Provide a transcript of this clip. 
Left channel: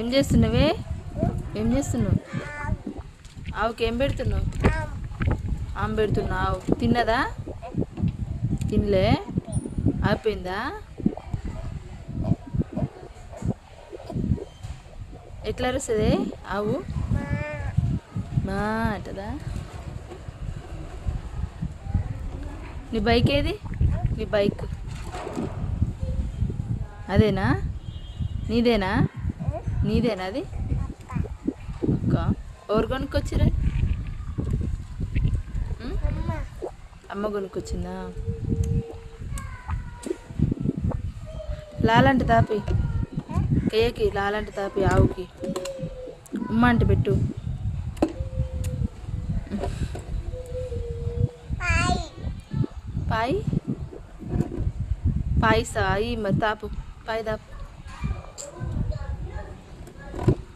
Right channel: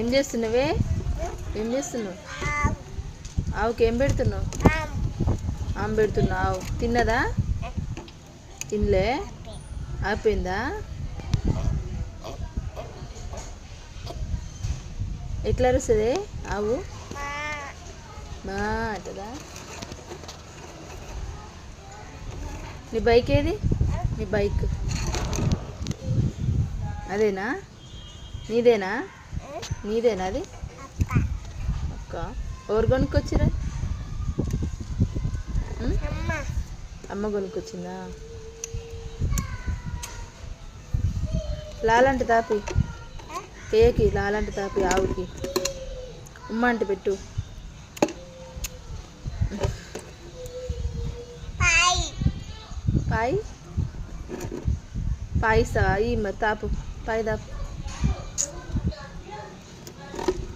ఏం చేస్తున్నావే? ఏం చేస్తున్నావు? ఆవుకి ఏం పెడుతున్నావు? ఆమె పెడుతున్నావు. ఆవు తిన్నదా? తినలే. ఆపిందా? ఎట్లా అరుస్తుంది ఆవు? మా అంటదా? నీ బైక్ ఏది? నీ బైక్ అదేనా? నీదేనా? నీదేనా అది? అక్క ఎవరు కొనుక్కొచ్చిరా? అమ్మ కొనుక్కొచ్చిందా? లాలంటి తాపి కేయకి, లాలంటి తాపి ఆవుకి. ఉమ్మ అంటే పెట్టు. పాయి పాయిసా ఈ మరి తాపు పాయి తాపు.